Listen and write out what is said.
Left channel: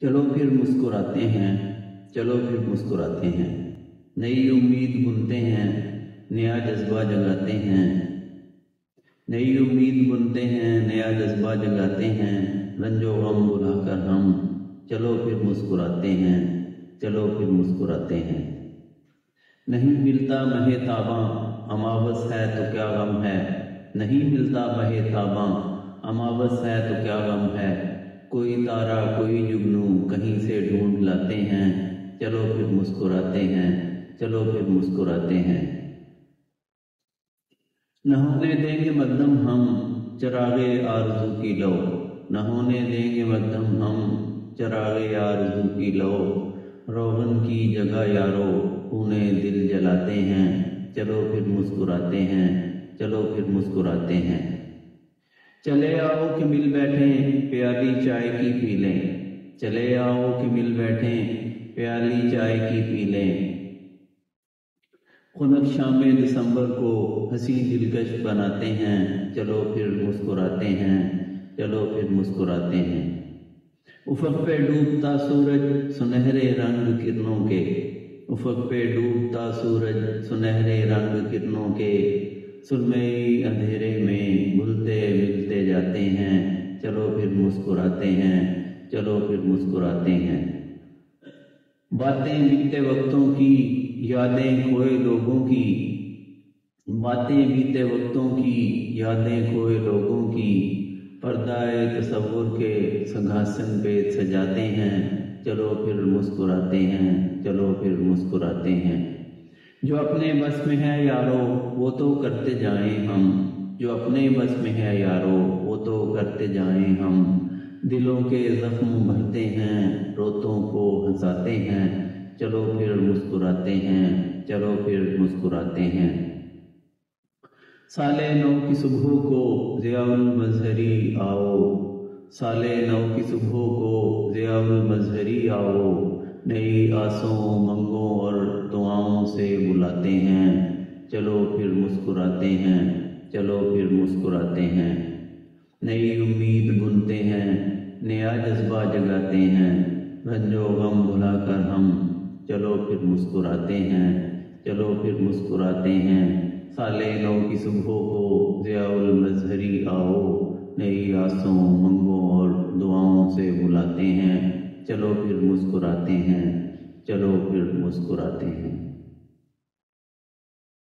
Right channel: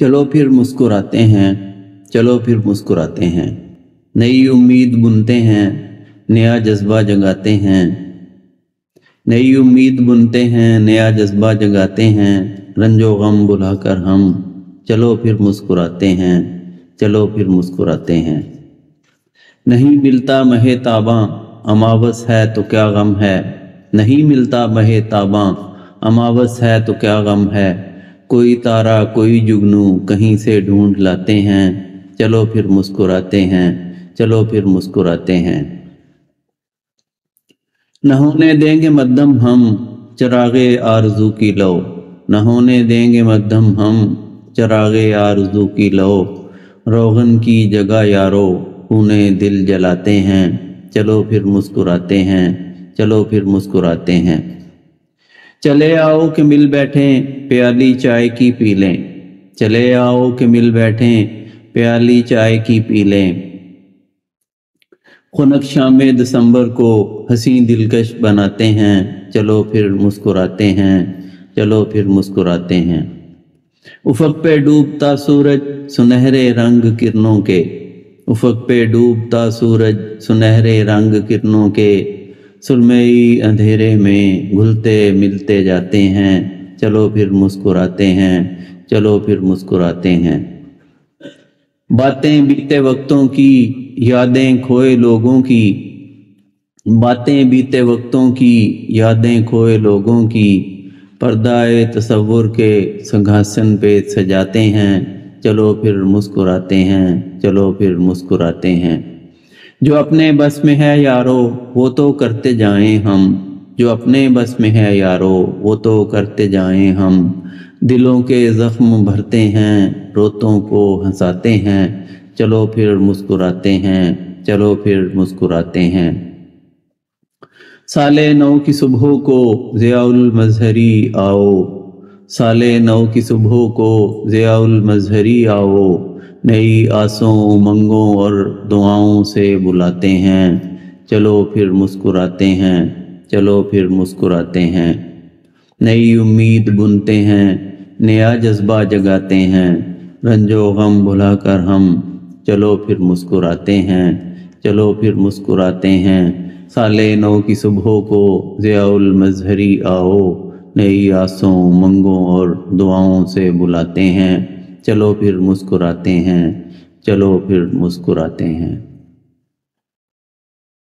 چلو پھر مسکراتے ہیں، چلو پھر مسکراتے ہیں، نئی امید بنتے ہیں، نیا جذبہ جگاتے ہیں، نئی امید بنتے ہیں، نیا جذبہ جگاتے ہیں، رنج و غم بھلا کر ہم چلو پھر مسکراتے ہیں، چلو پھر مسکراتے ہیں۔ نہیں ملتا مہ تاباں اماوس ہے تو کیا غم ہے، نہیں ملتا مہ تاباں اماوس ہے تو کیا غم ہے، کوئی تارا کوئی جگنو کہیں سے ڈھونڈ لاتے ہیں، چلو پھر مسکراتے ہیں، چلو پھر مسکراتے ہیں۔ نہ ہونے دیں گے مدھم ہم چراغ آرزو کی لو، نہ ہونے دیں گے مدھم ہم چراغ آرزو کی لو، روغن کی جگہ یارو خون دل جلاتے ہیں، چلو پھر مسکراتے ہیں، چلو پھر مسکراتے ہیں۔ چلے آؤ کہ مل بیٹھیں پیالی چائے کی پی لیں، چلے آؤ کہ مل بیٹھیں پیالی چائے کی پی لیں، خنک شام دسمبر کو ہنسی دلکش بناتے ہیں، چلو پھر مسکراتے ہیں، چلو پھر مسکراتے ہیں۔ افق پہ ڈوبتا سورج سنہرے رنگ کرنوں کے، افق پہ ڈوبتا سورج سنہرے رنگ کرنوں کے، سرمئی اندھیرے میں گھلتے ملتے جاتے ہیں، چلو پھر مسکراتے ہیں، چلو پھر مسکراتے ہیں۔ باتیں بیتے وقتوں کی یادیں کھوئے لوگوں کی، باتیں بیتے وقتوں کی یادیں کھوئے لوگوں کی، پردہ تصور کے سنگھاسن پہ سجاتے ہیں، چلو پھر مسکراتے ہیں، چلو پھر مسکراتے ہیں۔ جو اپنے بس میں ہے یارو وہ تو کرتے جائیں ہم، جو اپنے بس میں ہے یارو وہ تو کرتے جائیں ہم، دلوں کے زخم بھرتے ہیں روتوں کو ہنساتے ہیں، چلو پھر مسکراتے ہیں، چلو پھر مسکراتے ہیں۔ سال نو کی صبح کو ضیاء المظہری آؤ، سال نو کی صبح کو ضیاء المظہری آؤ، نئی آسوں امنگوں اور دعاؤں سے بلاتے ہیں، چلو پھر مسکراتے ہیں، چلو پھر مسکراتے ہیں۔ نئی امید بنتے ہیں، نیا جذبہ جگاتے ہیں، رنج و غم بھلا کر ہم چلو پھر مسکراتے ہیں، چلو پھر مسکراتے ہیں۔ سال نو کی صبح کو ضیاء المظہری آؤ، نئی آسوں امنگوں اور دعاؤں سے بلاتے ہیں، چلو پھر مسکراتے ہیں، چلو پھر مسکراتے ہیں۔